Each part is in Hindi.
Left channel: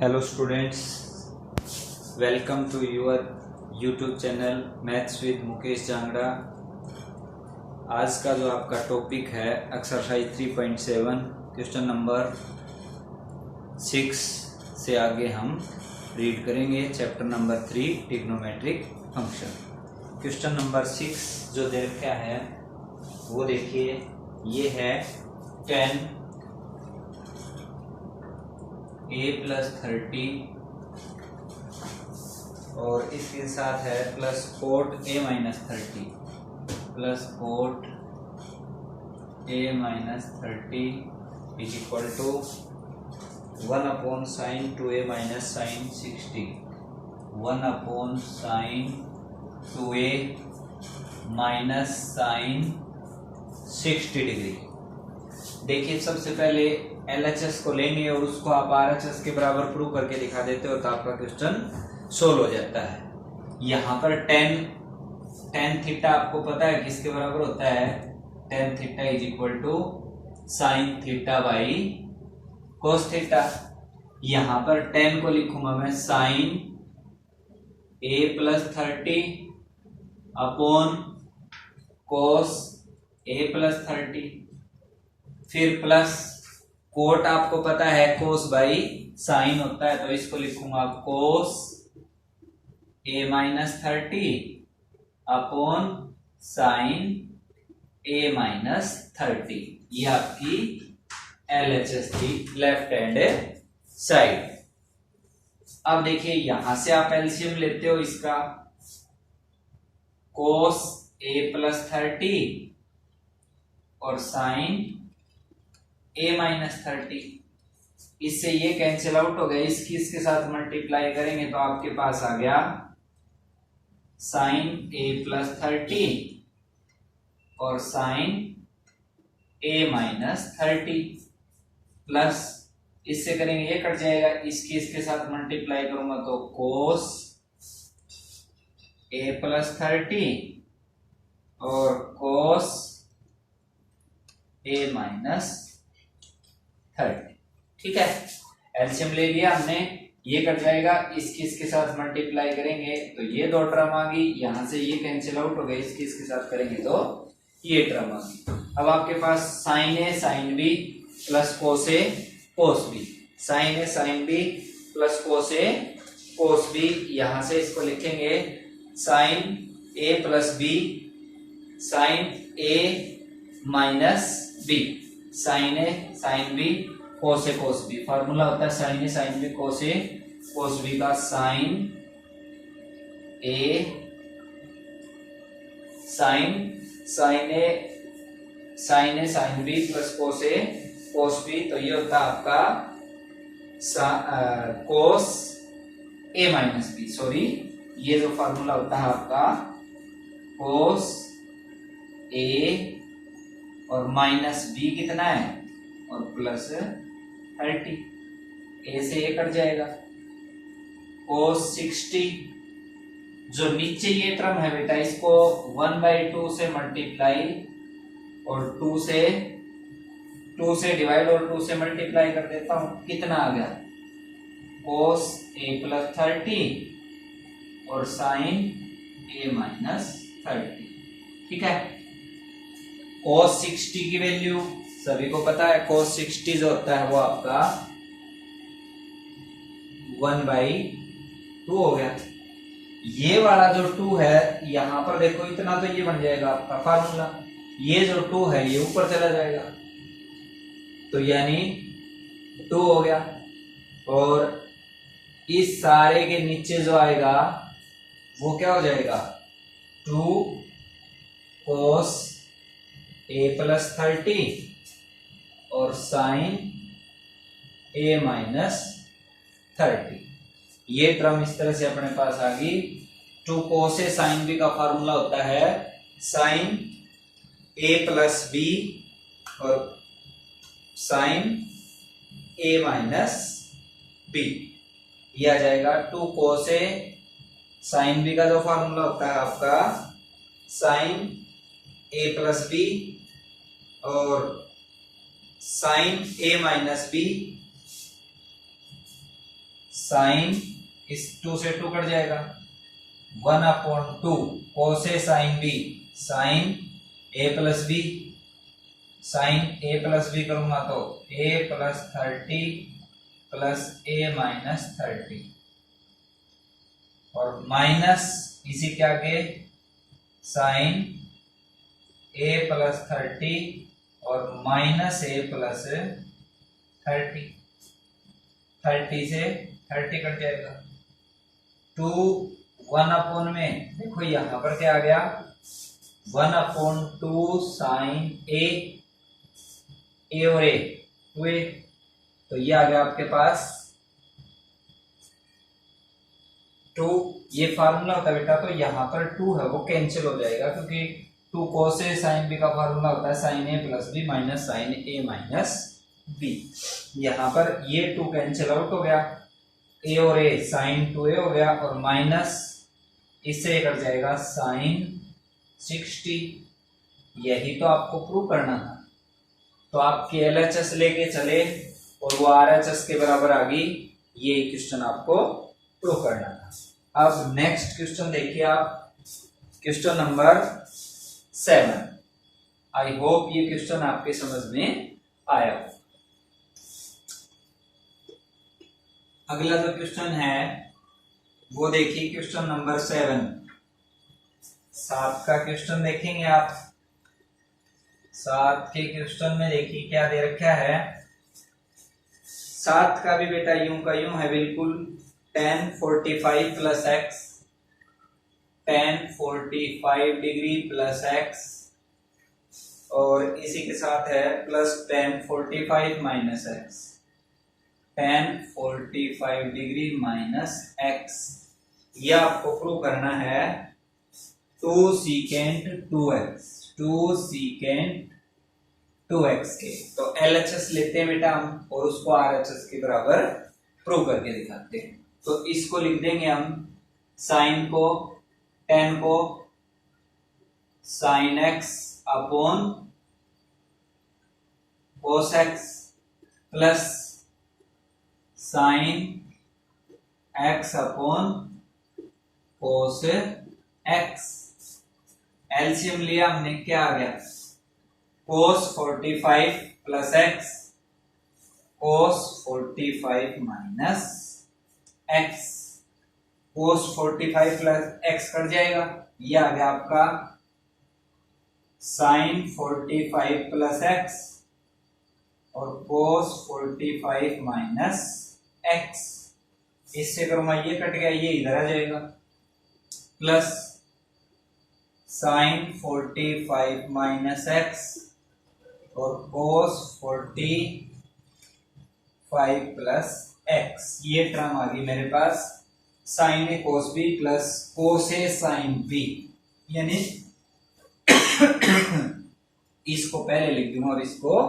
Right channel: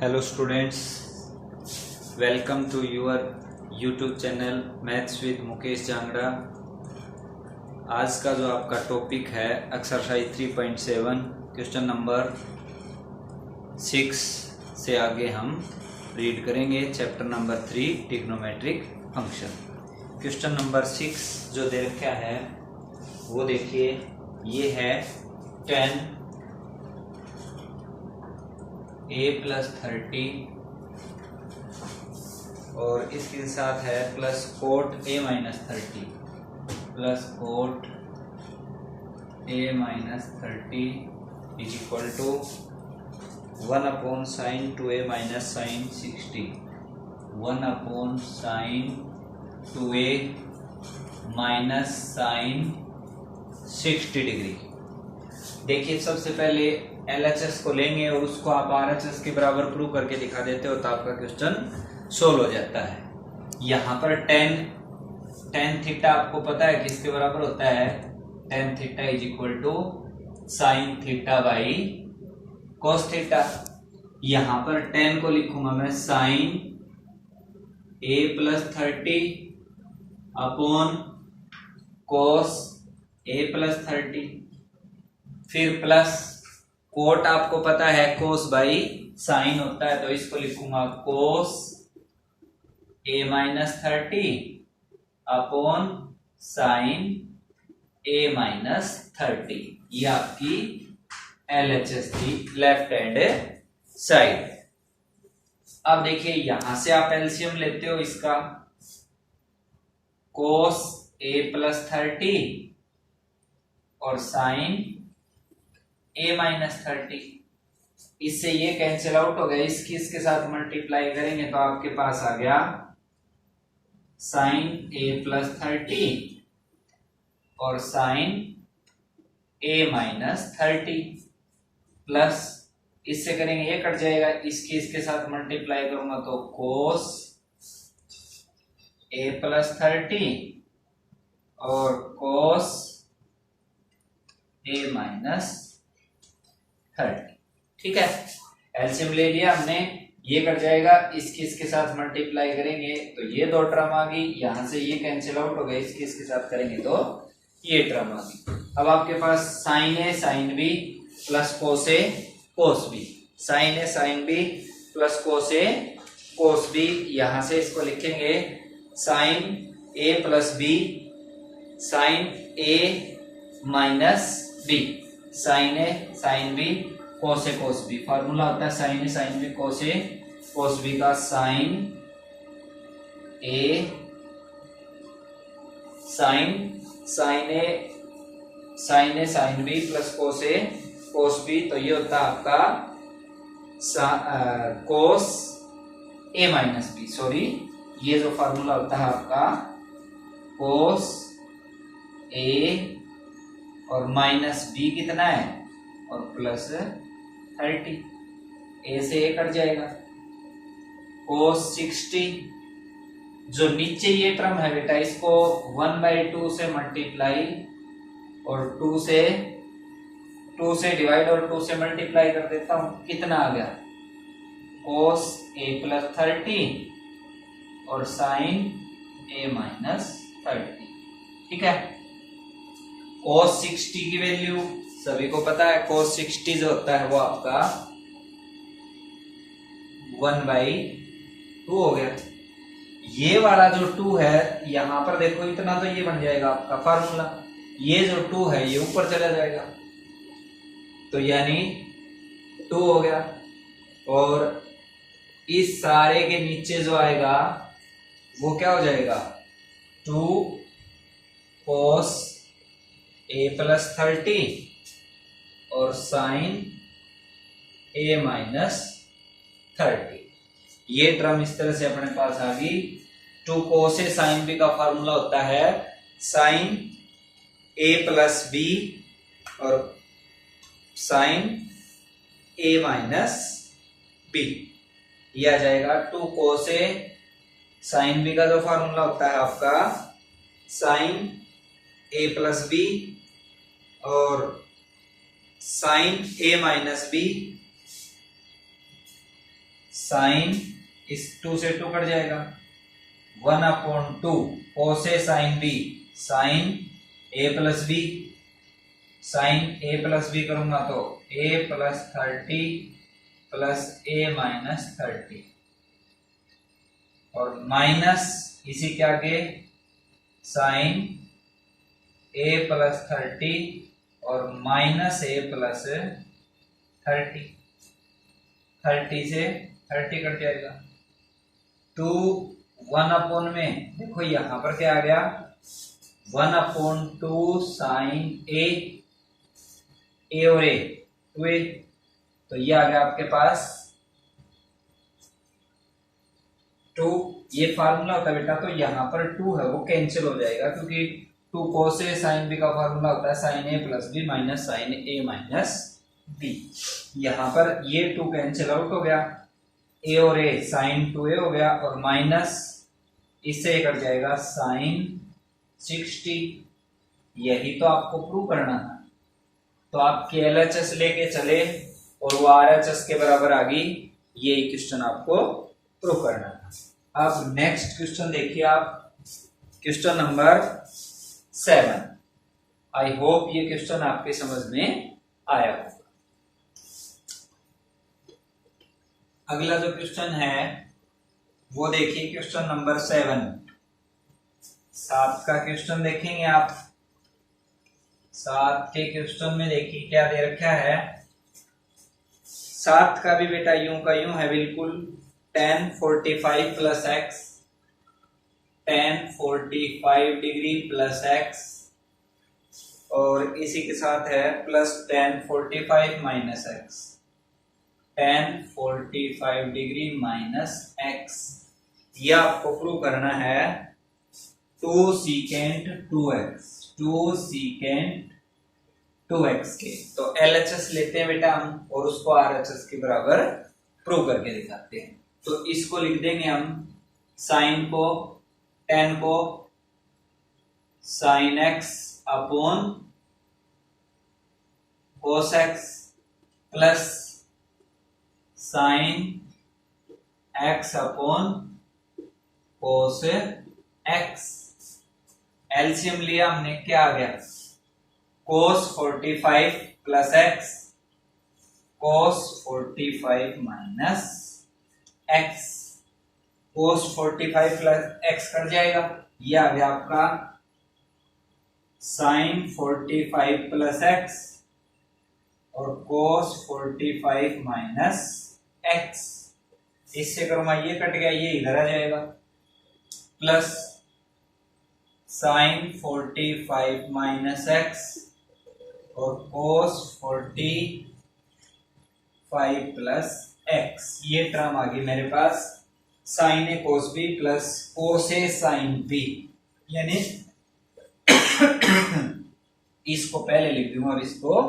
Hello students, welcome to your YouTube channel maths with Mukesh Jangra. आज का जो आपका टॉपिक है एक्सरसाइज 3.7 क्वेश्चन नंबर 6 से आगे हम रीड करेंगे chapter number 3 trigonometric function. Question number 6 जो दे रखा है वो देखिए, ये है 10 a प्लस 30 और इसके साथ है plus cot a minus 30 plus cot a minus 30 is equal to 1 upon sine 2a minus sine 60, 1 upon sine 2a minus sine 60 degree. देखिए, सबसे पहले LHS को लेंगे और उसको आप RHS के बराबर प्रूव करके दिखा देते हो तो आपका क्वेश्चन सोल्व हो जाता है। यहां पर tan थीटा आपको पता है किसके बराबर होता है? tan theta is equal to sine theta by cos theta. यहां पर tan को लिखूंगा मैं sine a plus 30 upon cos a plus 30, फिर प्लस कोट आपको पता है कोस बाई साइन होता है तो इसको लिखूंगा कोस a minus 30 upon sine a minus 30। ये आपकी LHS थी, लेफ्ट हैंड साइड। अब देखिए, यहां से आप एलसीएम लेते हो इसका, कोस a प्लस 30 और साइन a माइनस 30, इससे ये कैंसिल आउट हो गया, इसके साथ मल्टीप्लाई करेंगे तो आपके पास आ गया साइन a प्लस 30 और साइन a माइनस 30 प्लस इससे करेंगे ये कट जाएगा, इसके साथ मल्टीप्लाई करूंगा तो कोस a प्लस 30 और कोस a माइनस 30। ठीक है, एलसीएम ले लिया हमने, ये कट जाएगा, इसके साथ मल्टीप्लाई करेंगे तो ये दो टर्म आ गई, यहां से ये कैंसिल आउट हो गए, इसके साथ करेंगे तो ये टर्म आ गई। अब आपके पास sine A sine B plus cos A cos B, sine A sine B plus cos A cos B, यहां से इसको लिखेंगे sine A plus B sine A minus B, sine A sine B cos A cos B. Formula होता है sine A sine B cos A cos B का, sine A sine B plus cos B, तो ये होता है आपका cos A minus B. Sorry, ये जो फॉर्मूला होता है आपका कोस ए और माइनस बी कितना है और प्लस 30, ए से ए कट जाएगा, कोस 60, जो नीचे ये टर्म है बेटा इसको 1/2 से मल्टीप्लाई और 2 से डिवाइड और 2 से मल्टीप्लाई कर देता हूं, कितना आ गया कोस ए प्लस 30 और साइन ए माइनस 30। ठीक है, कोस 60 की वैल्यू सभी को पता है, कोस 60 जो होता है वो आपका 1/2 हो गया। ये वाला जो 2 है यहां पर देखो, इतना तो ये बन जाएगा आपका फार्मूला, ये जो 2 है ये ऊपर चला जाएगा तो यानी 2 हो गया, और इस सारे के नीचे जो आएगा वो क्या हो जाएगा 2 कोस a प्लस 30 और साइन a माइनस 30। ये टर्म इस तरह से अपने पास आ गई। 2 कोस ए साइन बी का फॉर्मूला होता है साइन a प्लस बी और साइन a माइनस बी, ये आ जाएगा 2 कोस ए साइन बी का जो फॉर्मूला होता है आपका साइन a प्लस बी और sine a minus B sine, इस 2 से 2 कट जाएगा, 1/2 cos a sine b, sine A plus B, sine A plus b करूंगा तो a plus 30 plus a minus 30 और माइनस इसी के आगे साइन a प्लस 30 और माइनस a प्लस 30, 30 से 30 कट जाएगा, 2 1/, में देखो यहां पर क्या आ गया 1/2 साइन ए और ए 2a, तो ये आ गया आपके पास 2। ये फार्मूला होता है बेटा, तो यहाँ पर 2 है वो कैंसिल हो जाएगा, क्योंकि 2 कोस ए साइन बी का फार्मूला होता है sine A plus B minus sign A minus B. यहाँ पर ये 2 कैंसिल आउट हो गया, ए और ए साइन 2a हो गया और माइनस इससे कट जाएगा साइन 60। यही तो आपको प्रूव करना था, तो आप KLHS लेके चले और वो RHS के बराबर आ गई, ये क्वेश्चन आपको प्रूव करना था। अब नेक्स्ट क्वेश्चन देखिए आप, क्वेश्चन नंबर 7। आई होप ये क्वेश्चन आपके समझ में आया। अगला जो क्वेश्चन है वो देखिए क्वेश्चन नंबर 7, 7 का क्वेश्चन देखेंगे आप। 7 के क्वेश्चन में देखिए क्या दे रखा है। 7 का भी बेटा यूं का यूं है बिल्कुल, tan 45 plus x, tan 45 degree plus x और इसी के साथ है plus tan 45 minus x, tan 45 degree minus x. ये आपको प्रूव करना है 2 सीकेंट 2x, 2 सीकेंट 2x के। तो LHS लेते हैं बेटा हम और उसको RHS के बराबर प्रूव करके दिखाते हैं। तो इसको लिख देंगे हम, साइन को tan को sine x upon cos x plus sine x upon cos x। LCM लिया हमने, क्या आ गया cos 45 plus x, cos 45 minus x, cos 45 plus x cut जाएगा, ये आ गया आपका sin 45 प्लस एक्स और cos 45 माइनस एक्स। इससे करूंगा ये कट गया, ये इधर आ जाएगा, प्लस sin 45 माइनस एक्स और cos 45 प्लस एक्स। ये टर्म आ गई मेरे पास sin a cos b plus cos a sin b, यानी इसको पहले लिख दूंगा और इसको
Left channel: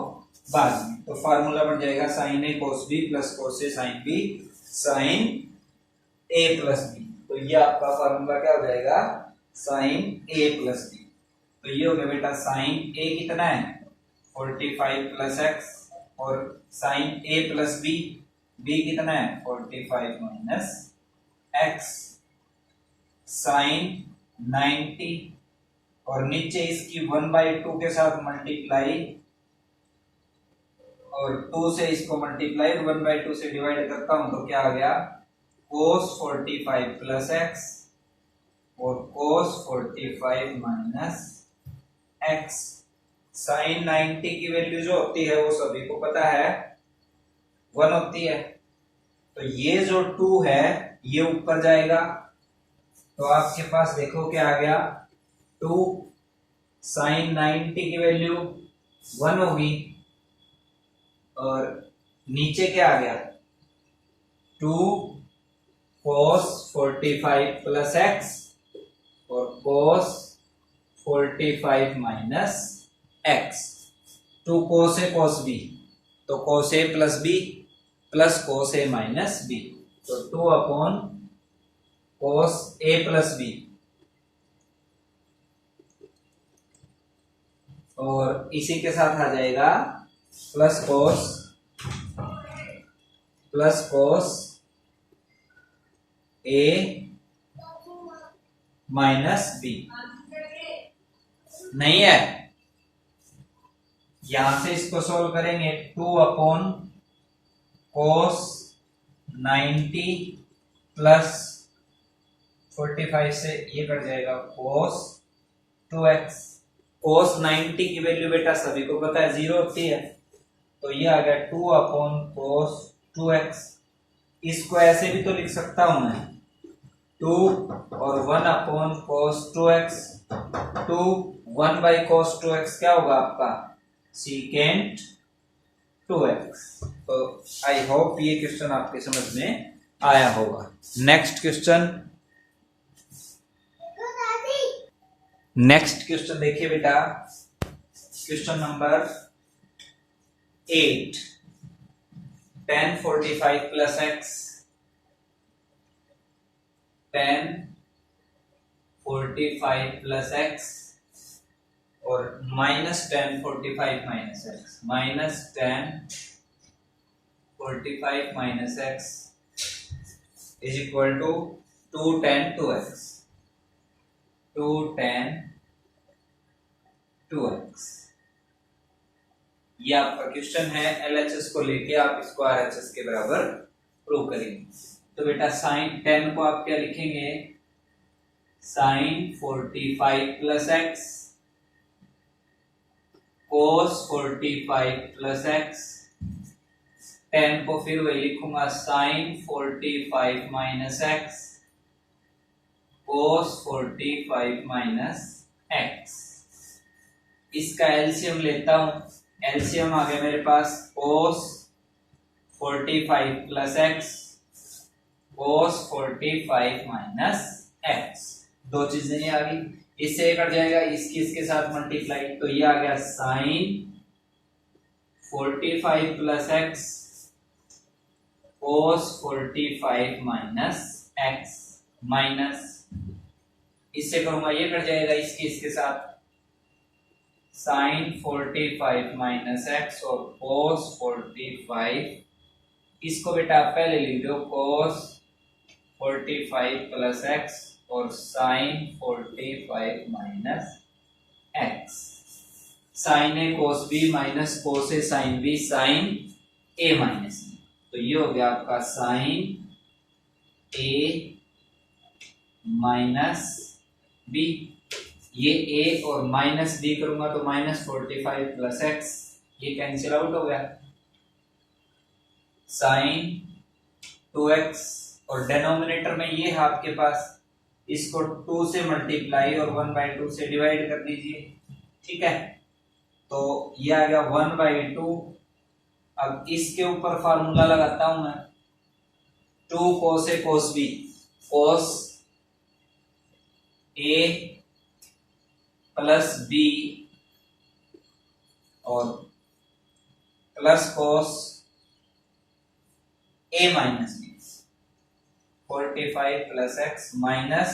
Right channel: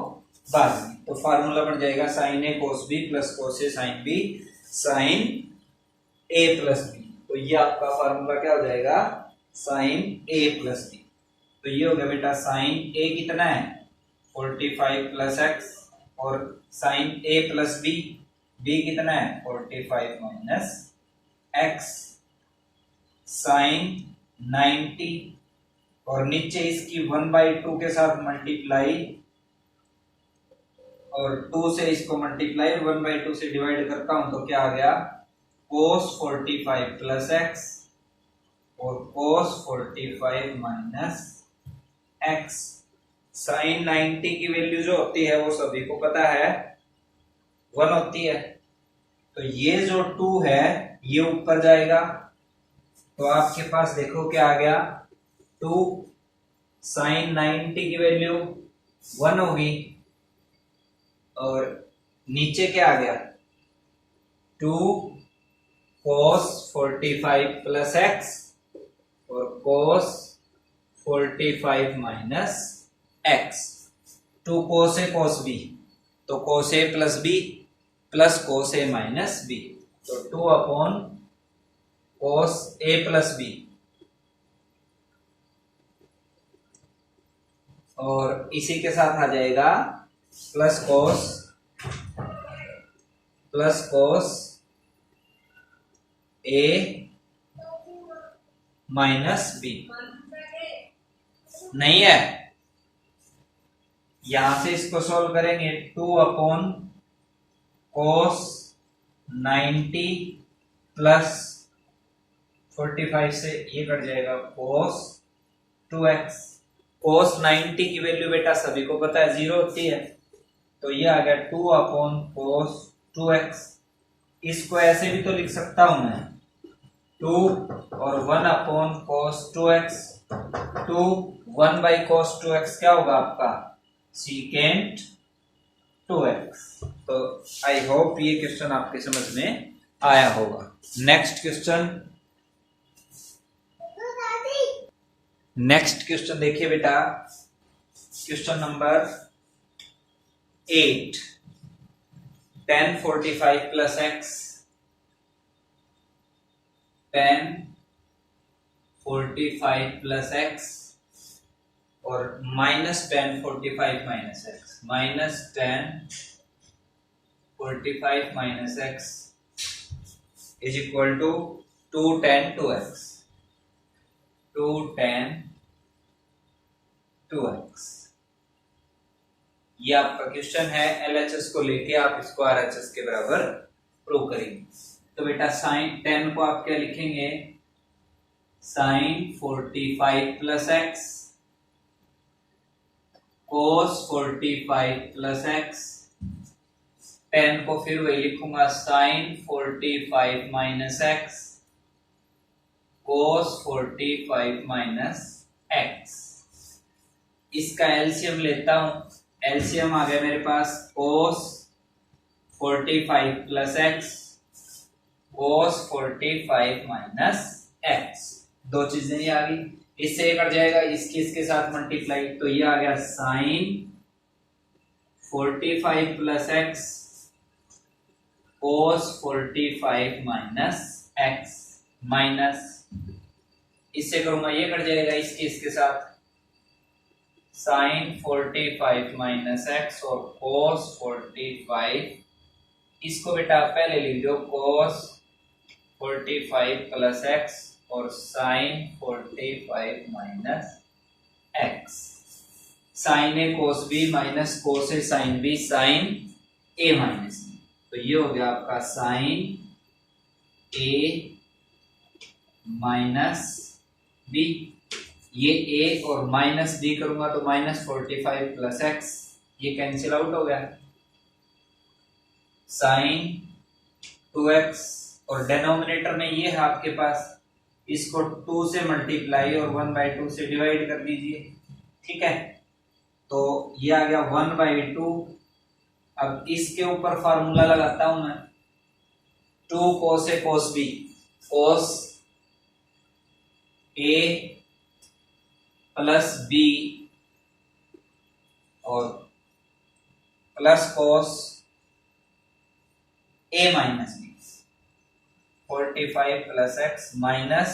बाद में। तो फार्मूला बन जाएगा sin a cos b plus cos a sin b sin a plus b। तो ये आपका फार्मूला क्या हो जाएगा sin a प्लस b। तो ये हो गया बेटा sin a कितना है 45 प्लस एक्स और sin a plus b, b कितना है 45 माइनस एक्स, sin 90 और नीचे इसकी 1/2 के साथ मल्टीप्लाई और 2 से इसको मल्टीप्लाई और 1/2 से डिवाइड करता हूं तो क्या आ गया cos 45 प्लस एक्स और cos 45 माइनस एक्स। साइन 90 की वैल्यू जो होती है वो सभी को पता है 1 होती है, तो ये जो 2 है ये ऊपर जाएगा, तो आपके पास देखो क्या आ गया 2 साइन 90 की वैल्यू 1 होगी और नीचे क्या आ गया 2 cos 45 प्लस एक्स और cos 45 minus x. 2 cos a cos b, तो cos a plus b plus cos a minus b, तो 2 upon cos a plus b और इसी के साथ आ जाएगा प्लस cos ए माइनस बी नहीं है। यहां से इसको सॉल्व करेंगे 2 अपॉन कोस 90 प्लस 45 से ये कट जाएगा कोस 2x। कोस 90 की वैल्यू बेटा सभी को पता है 0 होती है, तो ये आ गया 2 अपॉन कोस 2x। इसको ऐसे भी तो लिख सकता हूं मैं 2 और 1 upon cos 2x। 2 1 by cos 2x क्या होगा आपका सीकेंट 2x। तो आई होप ये क्वेश्चन आपके समझ में आया होगा। नेक्स्ट क्वेश्चन देखिए बेटा, question number 8। tan 45 plus x, tan 45 plus x और minus tan 45 minus x, minus tan 45 minus x is equal to 2 tan 2x, 2 tan 2x। ये आपका क्वेश्चन है। LHS को लेके आप इसको RHS के बराबर प्रूव करेंगे। तो बेटा साइन 10 को आप क्या लिखेंगे, साइन 45 प्लस एक्स कोस 45 प्लस एक्स। 10 को फिर वही लिखूंगा साइन 45 माइनस एक्स कोस 45 माइनस एक्स। इसका एलसीएम लेता हूं, एलसीएम आ गया मेरे पास कोस 45 प्लस एक्स कोस 45 माइनस एक्स। दो चीजें नहीं आ गई, इससे कट जाएगा, इसके साथ मल्टीप्लाई, तो ये आ गया साइन 45 प्लस एक्स कोस 45 माइनस एक्स माइनस, इससे करूंगा ये कट जाएगा, इसके साथ साइन 45 माइनस एक्स और कोस 45। इसको बेटा आप पहले लिख दो कोस 45 प्लस एक्स और sign 45 minus x. Sign A cos B minus cos a sine b sine A minus B, तो ये हो गया आपका साइन ए माइनस बी। ये a और माइनस b करूंगा तो माइनस 45 प्लस एक्स, ये कैंसिल आउट हो गया, साइन 2x और डिनोमिनेटर में ये है आपके पास, इसको 2 से मल्टीप्लाई और 1/2 से डिवाइड कर दीजिए, ठीक है। तो ये आ गया 1/2। अब इसके ऊपर फार्मूला लगाता हूं मैं 2 cos a cos b, cos a plus B और plus cos A minus B, 45 plus X minus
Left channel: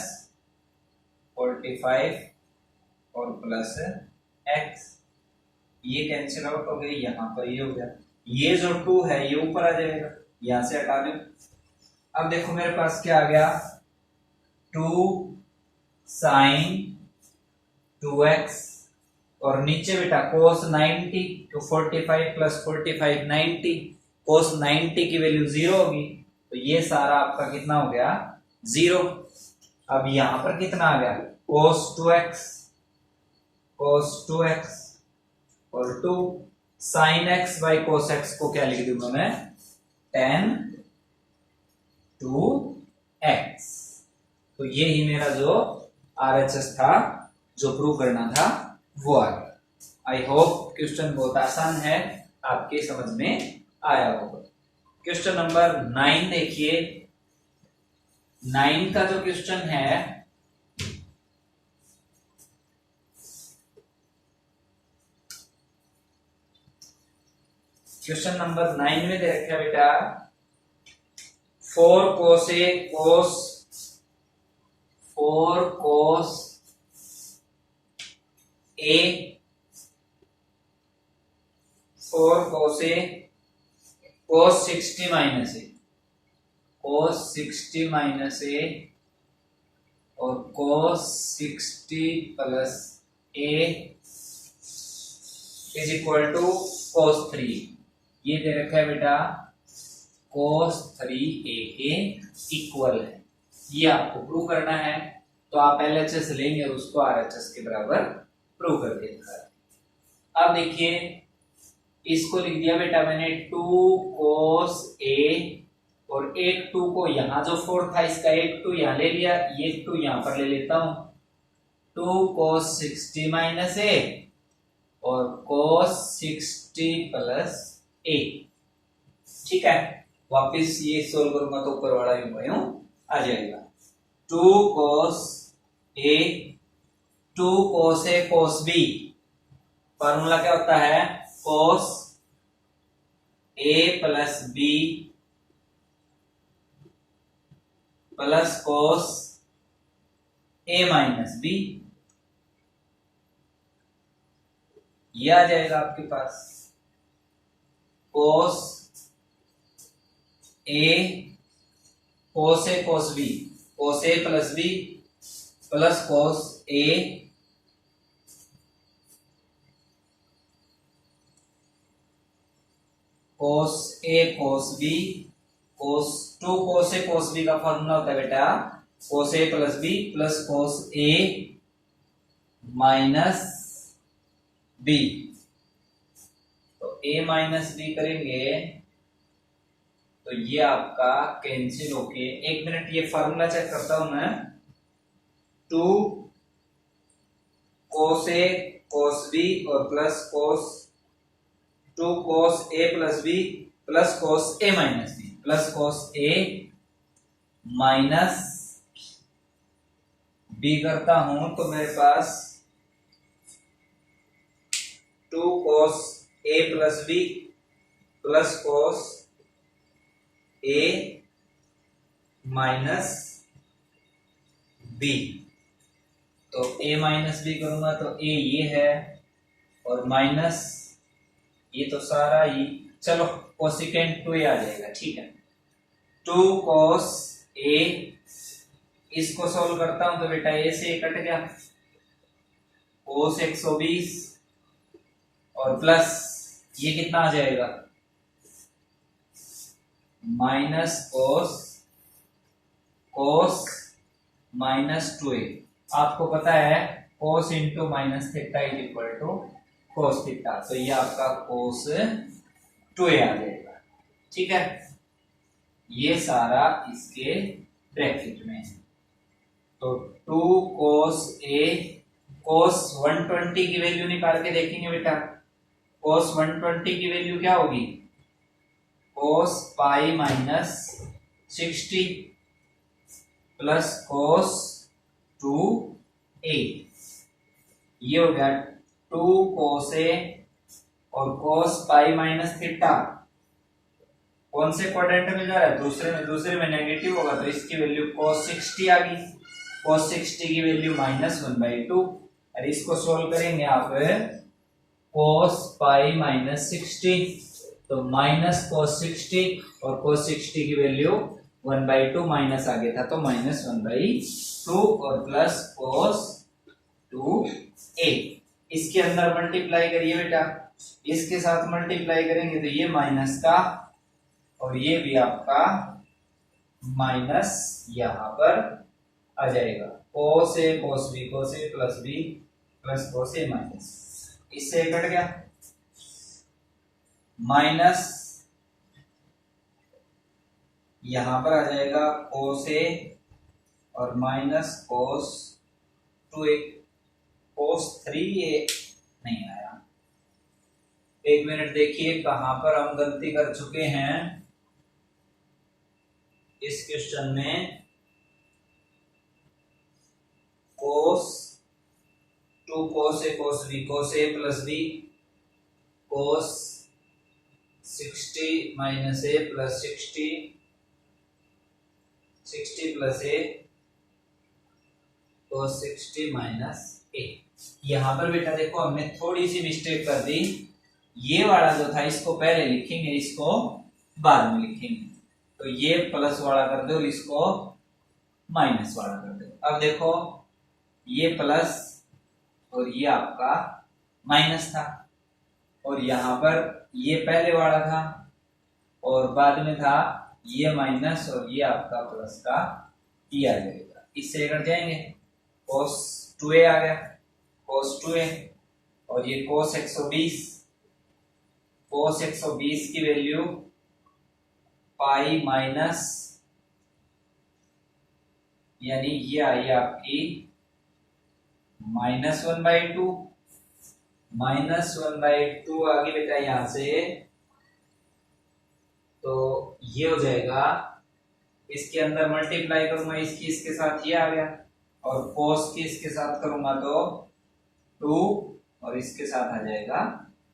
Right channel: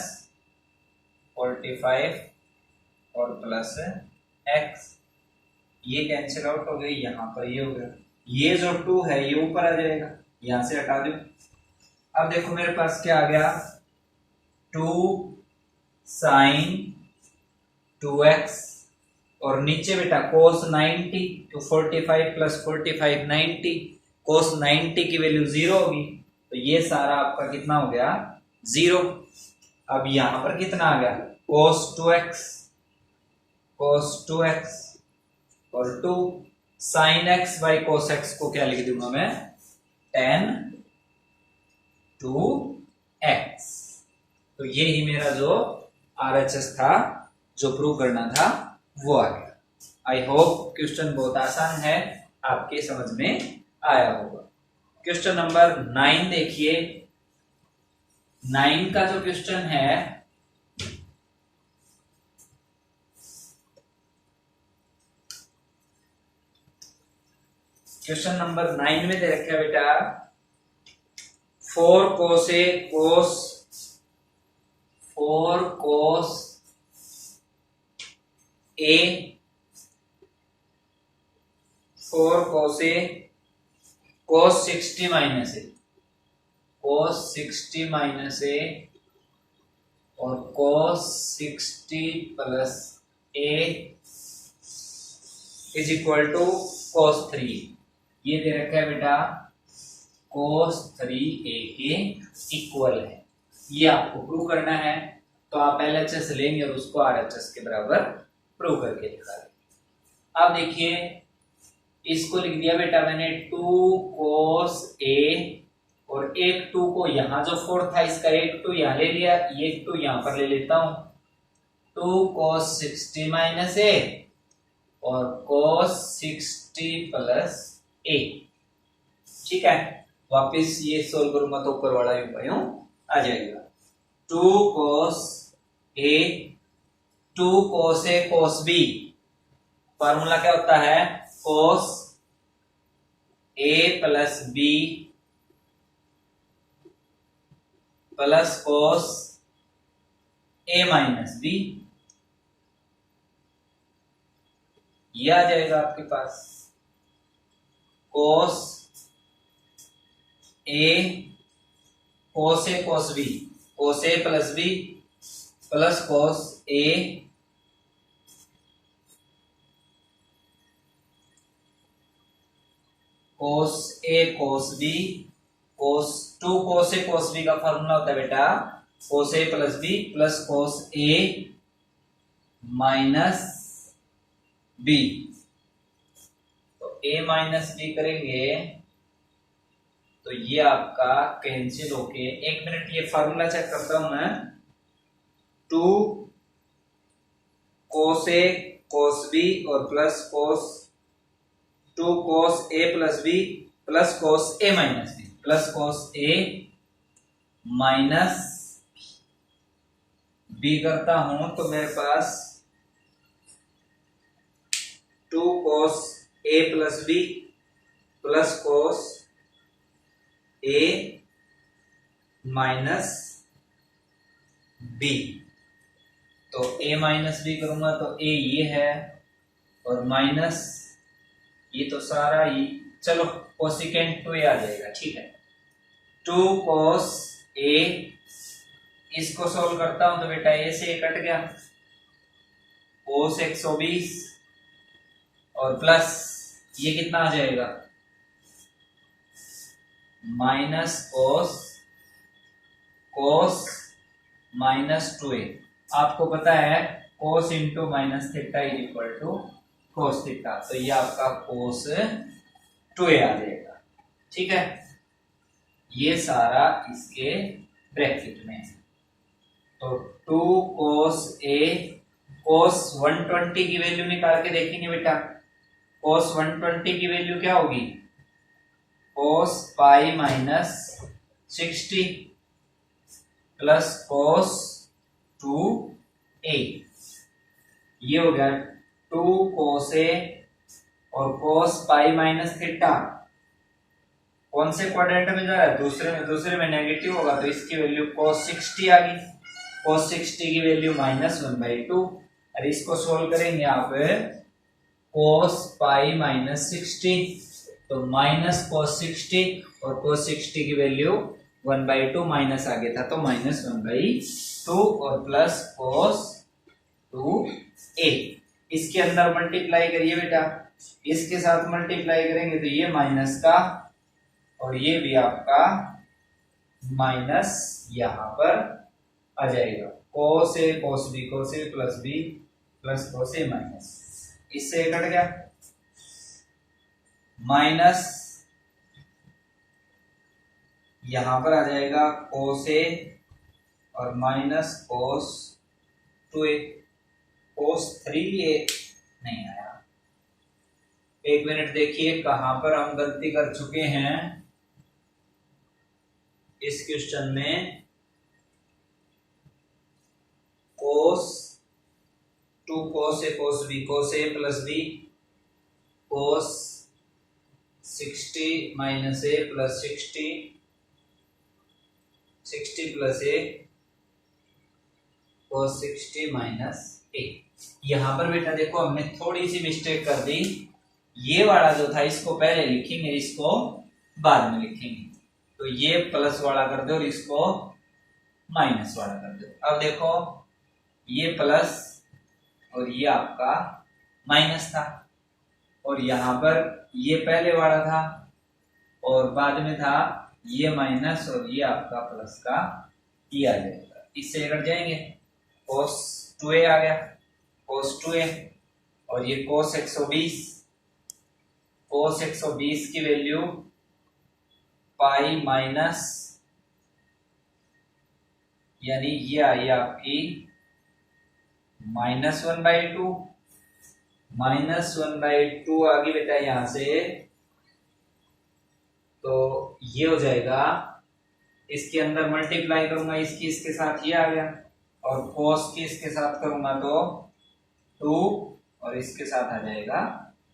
45 और प्लस एक्स, ये कैंसिल आउट हो गई, यहां पर ये हो गया, ये जो 2 है ये ऊपर आ जाएगा, यहां से हटा दो। अब देखो मेरे पास क्या आ गया 2 साइन 2x और नीचे बेटा cos 90, तो 45 प्लस 45 90, cos 90 की वैल्यू 0 होगी, तो ये सारा आपका कितना हो गया 0। अब यहां पर कितना आ गया cos 2x और 2 sin x by cos x को क्या लिख दूंगा मैं tan 2x। तो ये ही मेरा जो RHS था जो प्रूव करना था वो आ गया। आई होप क्वेश्चन बहुत आसान है, आपके समझ में आया होगा। क्वेश्चन नंबर 9 देखिए। 9 का जो क्वेश्चन है, क्वेश्चन नंबर 9 में दे रखा है बेटा 4 cos a cos 4 cos a 4 cos a cos 60 minus a cos 60 minus A और cos 60 plus A is equal to cos 3। ये दे रखा है बेटा cos 3a के इक्वल है। ये आपको प्रूव करना है, तो आप LHS लेंगे और उसको RHS के बराबर प्रूव करके दिखा रहे। अब देखिए इसको लिख दिया बेटा मैंने 2 cos a और एक 2 को यहां जो 4 था इसका एक 2 यहां ले लिया, ये 2 यहां पर ले लेता हूं। 2 cos 60 माइनस a और cos 60 प्लस a। ठीक है, वापिस ये सोल्व करूंगा तो ऊपर वाला यूं आ जाएगा। 2 cos a 2 cos a cos b, formula क्या होता है cos a plus b plus cos a minus b। ये आ जाएगा आपके पास cos a cos a cos b, cos a plus b plus cos a cos a cos b cos 2 cos a cos b का फॉर्मूला होता है बेटा cos a plus b plus cos a minus b। तो a माइनस b करेंगे तो ये आपका कैंसिल होके, एक मिनट ये फॉर्मूला चेक करता हूं मैं। 2 cos a cos b और plus cos 2 cos a plus b plus cos a minus b plus cos a minus b करता हूं तो मेरे पास 2 cos a plus b plus cos a minus b। तो a माइनस b करूंगा तो a ये है और माइनस ये तो सारा ही, चलो कोसिकेंट 2a आ जाएगा। ठीक है, 2 cos a, इसको सोल्व करता हूं तो बेटा a से कट गया cos 120 और प्लस ये कितना आ जाएगा माइनस cos माइनस 2a। आपको पता है cos into minus theta is equal to cos theta, तो ये आपका cos 2a आ जाएगा। ठीक है, ये सारा इसके ब्रैकेट में है। तो 2 cos a cos 120 की वैल्यू निकाल के देखेंगे बेटा। cos 120 की वैल्यू क्या होगी cos pi minus 60 plus cos 2a। ये हो गया 2 cos a और cos पाई माइनस थीटा। कौन से क्वाड्रेंट में जा रहा है, दूसरे में नेगेटिव होगा तो इसकी वैल्यू cos 60 आ गई। cos 60 की वैल्यू -1/2 और इसको सोल्व करेंगे आप cos पाई माइनस 60 तो माइनस cos 60 और cos 60 की वैल्यू 1/2 माइनस आ गया था तो -1/2 और प्लस cos 2a। इसके अंदर मल्टीप्लाई करिए बेटा, इसके साथ मल्टीप्लाई करेंगे तो ये माइनस का और ये भी आपका माइनस यहां पर आ जाएगा। cos a cos b cos a plus b plus cos a minus, इससे कट गया माइनस यहां पर आ जाएगा cos a और minus cos 2a। cos 3a नहीं आया। एक मिनट देखिए कहां पर हम गलती कर चुके हैं इस क्वेश्चन में। cos 2 cos a cos b cos a plus b cos 60 minus a plus 60 plus a cos 60 minus a। यहां पर बेटा देखो हमने थोड़ी सी मिस्टेक कर दी। ये वाला जो था इसको पहले लिखेंगे, इसको बाद में लिखेंगे। तो ये प्लस वाला कर दो और इसको माइनस वाला कर दो। अब देखो ये प्लस और ये आपका माइनस था, और यहां पर ये पहले वाला था और बाद में था ये माइनस और ये आपका प्लस का ये आ जाएगा। इससे कट जाएंगे, cos 2a आ गया, cos 2a, और ये cos 120 की वैल्यू पाई माइनस, यानी ये आई आपकी -1/2, -1/2 आगे बेटा यहां से, तो ये हो जाएगा, इसके अंदर मल्टीप्लाई करूंगा इसकी इसके साथ, ये आ गया, और cos की इसके साथ करूंगा तो 2 और इसके साथ आ जाएगा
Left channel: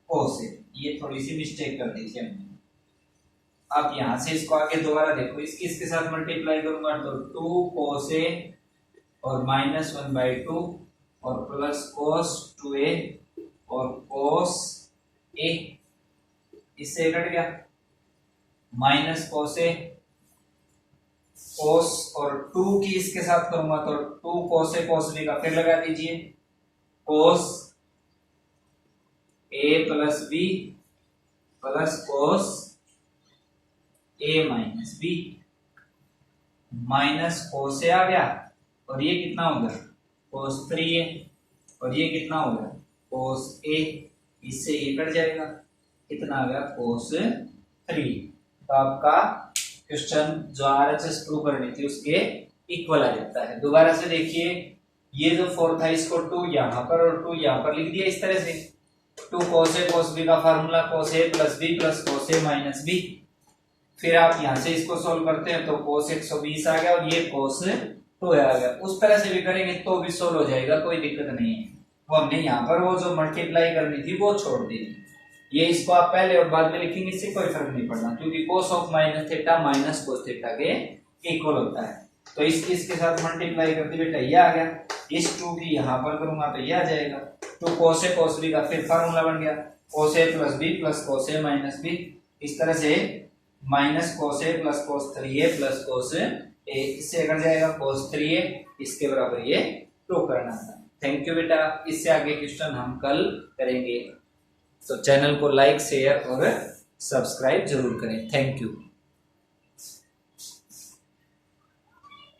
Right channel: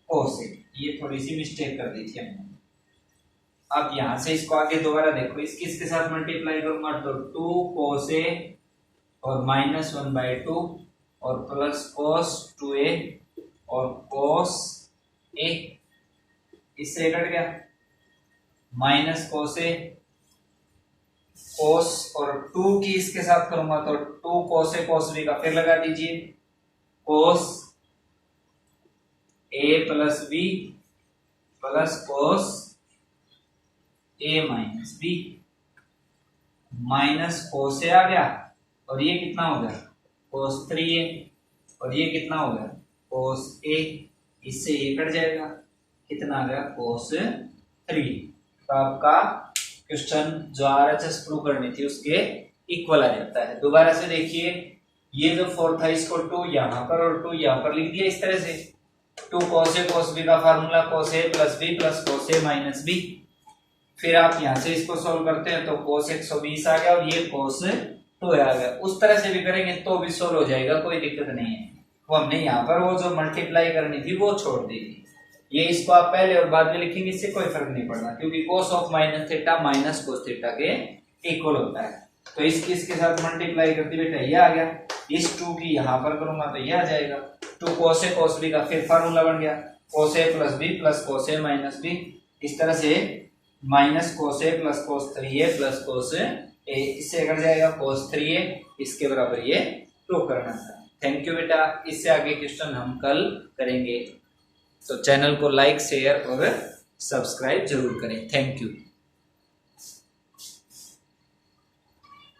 cos a। ये थोड़ी सी मिस्टेक कर दी थी हमने। अब यहां से इसको आगे दोबारा देखो, इसकी इसके साथ मल्टीप्लाई करूंगा तो 2 cos a और -1/2 और प्लस cos 2a और cos a, इससे कट गया, माइनस cos a, cos और 2 की इसके साथ करूंगा तो 2 cos a cos b का फिर लगा दीजिए, cos a plus b plus cos a minus b, minus cos a आ गया, और ये कितना हो गया cos 3a, और ये कितना हो गया cos a, इससे ये कट जाएगा, कितना आ गया cos 3। तो आपका क्वेश्चन जो RHS प्रूव करनी थी उसके इक्वल आ जाता है। दोबारा से देखिए, ये जो 4 था इसको 2 यहां पर और 2 यहां पर लिख दिया इस तरह से, 2 cos a cos b का formula cos a plus b plus cos a minus b। फिर आप यहां से इसको सॉल्व करते हैं तो cos 120 आ गया और ये cos 2 आ गया। उस तरह से भी करेंगे तो भी सॉल्व हो जाएगा, कोई दिक्कत नहीं है। वो हमने यहाँ पर वो जो मल्टीप्लाई करनी थी वो छोड़ दी थी, ये इसको आप पहले और बाद में लिखेंगे, इससे कोई फर्क नहीं पड़ना, क्योंकि cos of minus theta minus cos theta के इक्वल होता है। तो इसकी इसके साथ मल्टीप्लाई करते बेटा ये आ गया, इस 2 की यहाँ पर करूंगा तो ये आ जाएगा, 2 cos a cos b का फिर फार्मूला बन गया, cos a plus b plus cos a minus b। इस तरह से minus cos a plus cos 3a plus cos a, इससे कट जाएगा cos 3a, इसके बराबर ये प्रूव करना था। थैंक यू बेटा, इससे आगे क्वेश्चन हम कल करेंगे। तो चैनल को लाइक शेयर और सब्सक्राइब जरूर करें। Thank you.